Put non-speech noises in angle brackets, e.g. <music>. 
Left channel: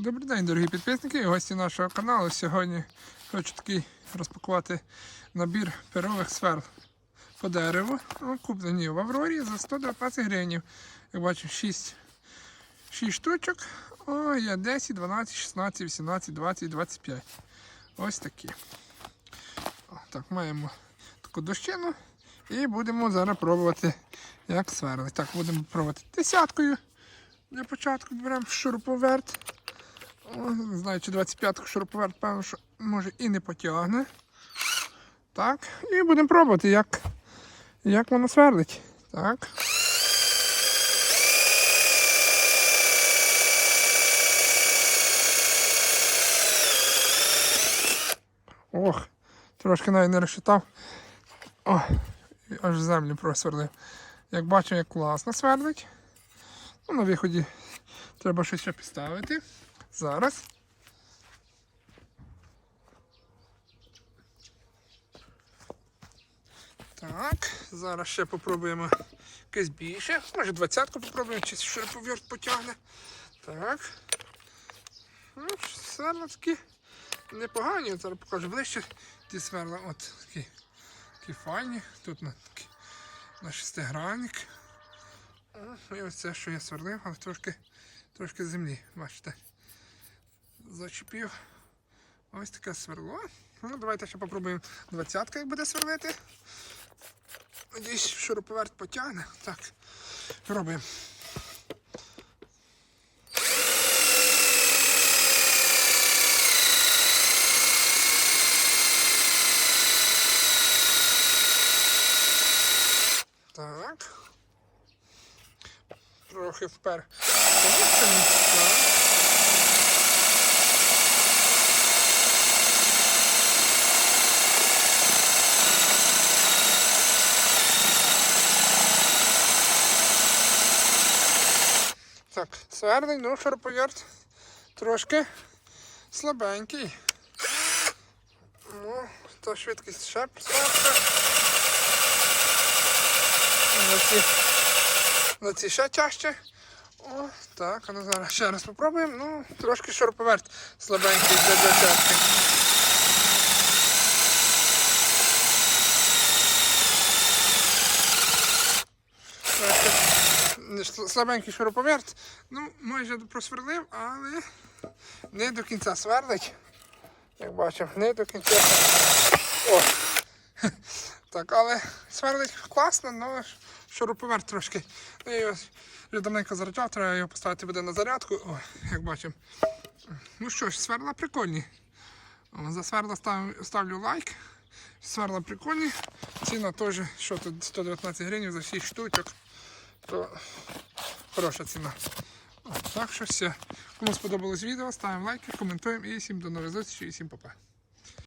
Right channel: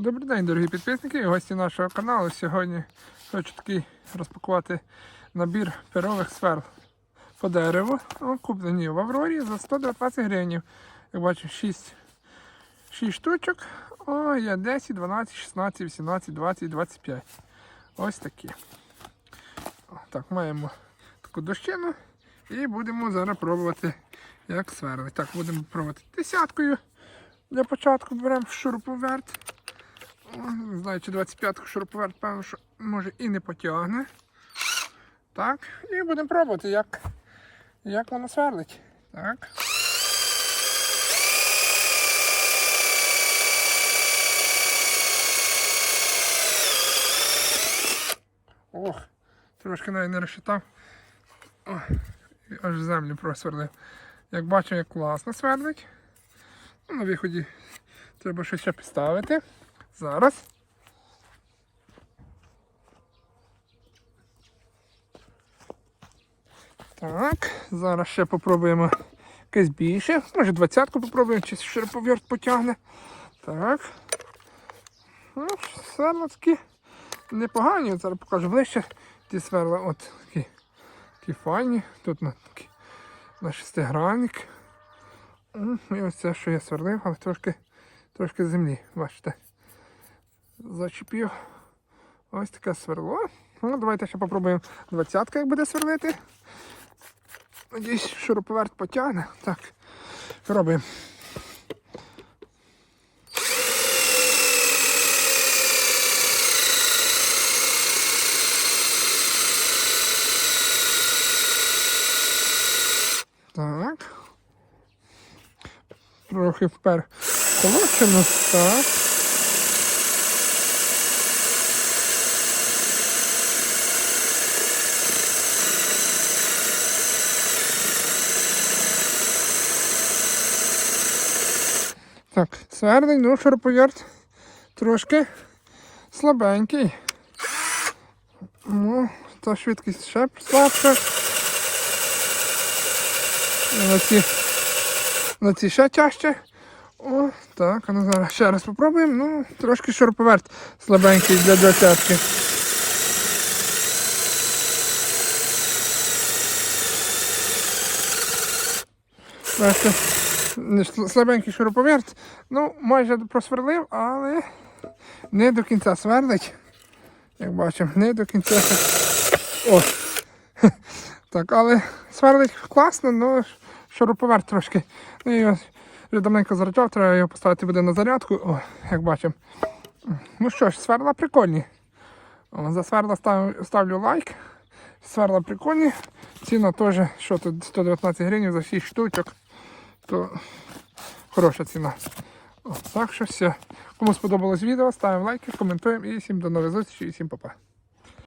Добрий день, дорогі підписники і гості нашого каналу. Сьогодні хочу такий розпакувати набір перових сверл по дереву. Куплені в Аврорі за 119 гривень. Як бачу, 6, 6 штучок. О, є 10, 12, 16, 18, 20, 25. Ось такі. Так, маємо таку дощину і будемо зараз пробувати, як сверли. Так, будемо пробувати десяткою. Для початку беремо шуруповерт. Не знаю, чи 25-ку шуруповерт, певно, що може і не потягне. Так, і будемо пробувати, як, як воно сверлить. Так. Ох, трошки навіть не розчитав. О, аж землю просверлив. Як бачу, як класно свердить. Ну, на виході треба щось ще підставити. Зараз. Так, зараз ще попробуємо якесь більше. Може двадцятку попробуємо, чи широповерт потягне. Так. Ну, сверла такі непогані. Зараз покажу ближче. Ті сверла от такі, такі файні. Тут на, такі, на шестигранник. І ось це, що я сверлив, але трошки, трошки землі, бачите. Зачепив. Ось таке сверло. Ну, давайте ще попробуємо двадцятка, як буде сверлити. Надіюсь, шуруповерт потягне. Так, робимо. Так. Трохи впер. Получимо. Так. Так, свердий, ну шуруповерт трошки слабенький. Ну, та швидкість ще слабша. На ці, на ці ще тяжче. О, так, а ну зараз ще раз попробуємо. Ну, трошки шуруповерт слабенький для не ш- слабенький шуруповерт. Ну, майже просверлив, але не до кінця сверлить. Як бачимо, не до кінця. О. <laughs> Так, але сверлить класно, але шуруповерт трошки. Ну, ось вже давненько заряджав, треба його поставити буде на зарядку. О, як бачимо. Ну що ж, сверла прикольні. О, за сверла став, ставлю лайк. Сверла прикольні. Ціна теж, що тут 119 гривень за 6 штучок. То хороша ціна. Так що все. Кому сподобалось відео, ставимо лайки, коментуємо і всім до нових зустрічей і всім па-па.